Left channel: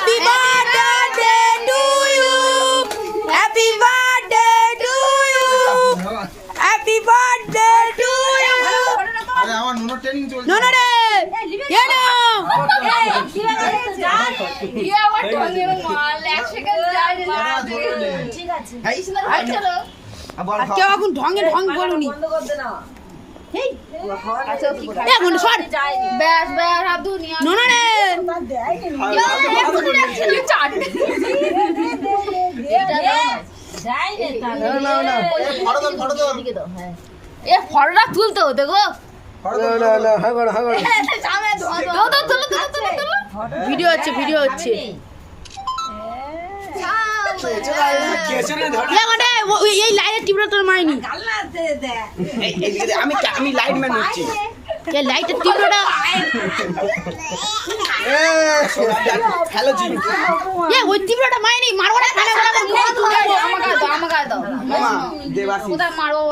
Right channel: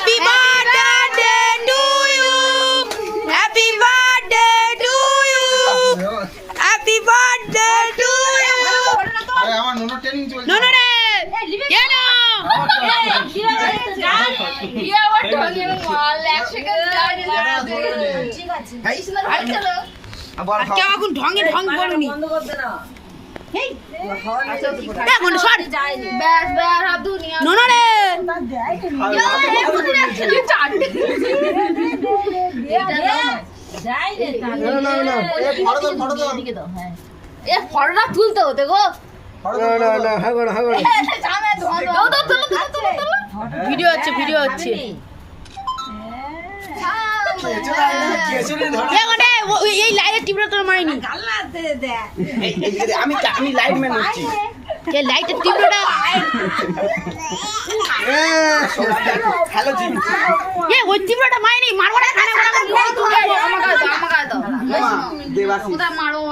Happy birthday to you. Happy birthday to you. Happy birthday to you. আরে আমার নোনো training চলছে। নোনো রে কেন আর কেউ এখন ঢঙে ঢং বলুনি নোনো রে ফটোটা তুলতে হতে গো ভিডিও হচ্ছে এই লাইটের টিপটা তোর মাইনি আমি লাইটম্যান হচ্ছি। এই লাইটের টিপটা হ্যালো জি ওই টিপটা মাইনি মারবো না আমাকে দাও দেবাশিস মারো